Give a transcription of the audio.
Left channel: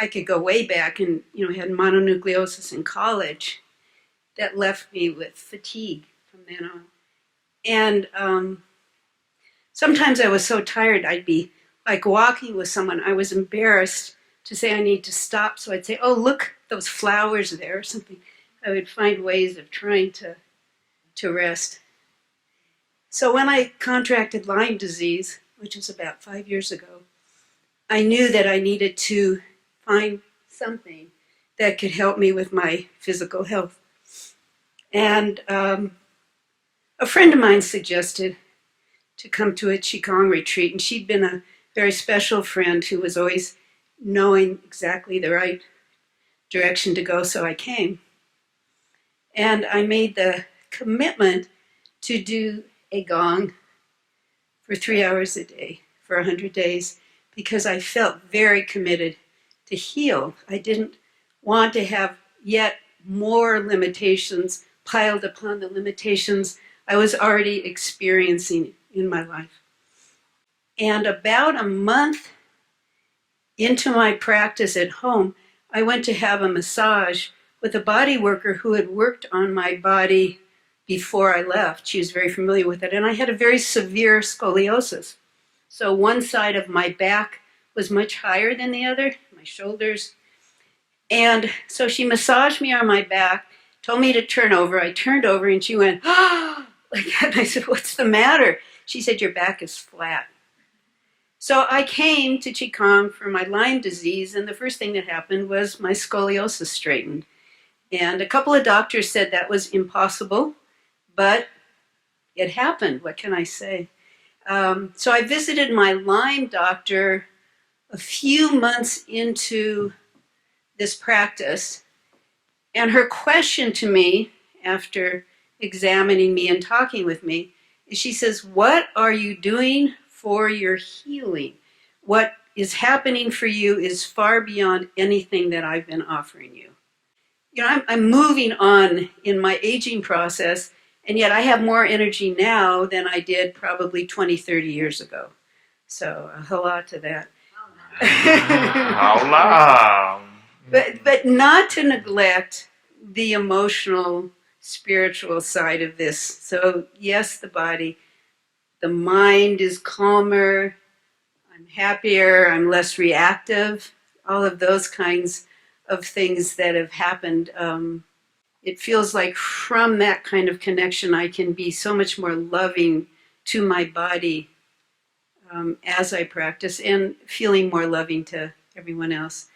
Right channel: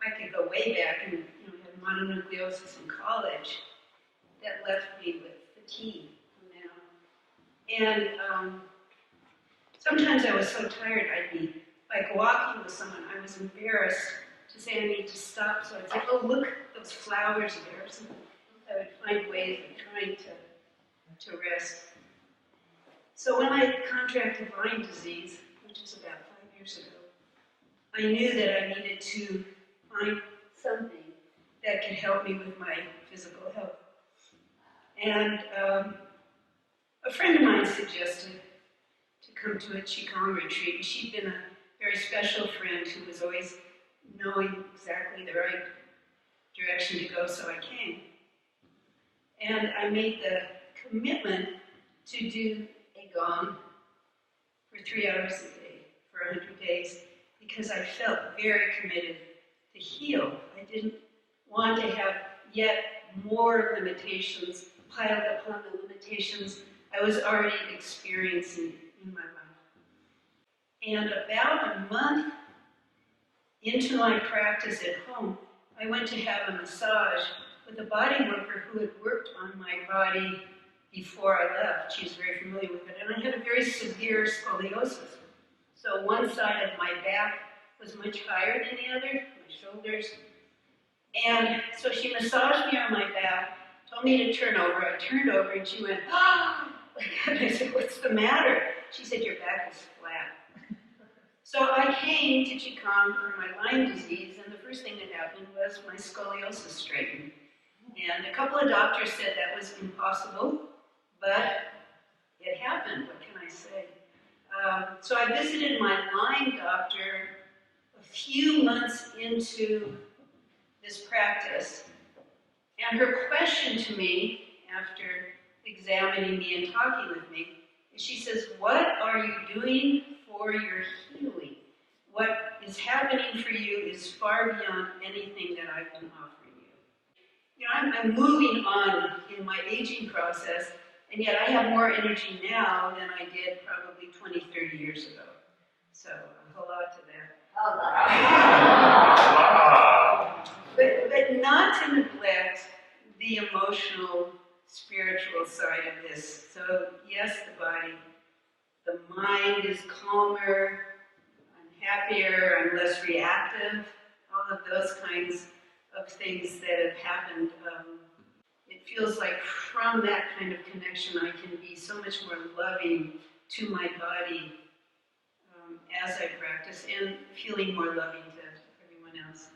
I could go way back and, had mononucleosis in college that left me with fatigue from then on. And sometimes I was so tired, I'd be like walking with someone. I was embarrassed to say I need to stop. So I'd say, oh, look, those flowers there or something. I would find ways of trying to rest. So when I contracted Lyme disease, which was about 5 years ago, I knew that I needed to find something that could help me with my physical health. And a friend of mine suggested to come to a Qigong retreat, and she'd been a very special friend who was always knowing exactly the right direction to go, so I came. And I made the commitment to do a gong for 3 hours a day for 100 days because I felt very committed to heal. I didn't want to have yet more limitations piled upon the limitations I was already experiencing in my life. And about a month into my practice at home, I went to have a massage with a body worker who had worked on my body before I left. She was very familiar with it. And I had a very severe scoliosis. So one side of my back was much higher than the other, my shoulders. And so she massaged me on my back, told me to turn over. I turned over and she went, ah, like that. And I said, what's the matter? She said, your back is flat. So I came to Qigong for my Lyme disease, and the first thing that happened was my scoliosis straightened. And a couple of doctors said that was impossible, but it happened. What can I say? So I visited my Lyme doctor a few months into this practice, and her question to me after examining me and talking with me is she says, what are you doing for your healing? What is happening for you is far beyond anything that I've been offering you. I'm moving on in my aging process, and yet I have more energy now than I did probably 20, 30 years ago. So a lot to that. But not to neglect the emotional, spiritual side of this. So yes, the body, the mind is calmer, I'm happier, I'm less reactive, all of those kinds of things that have happened. It feels like from that kind of connection, I can be so much more loving to my body as I practice and feeling more loving to everyone else.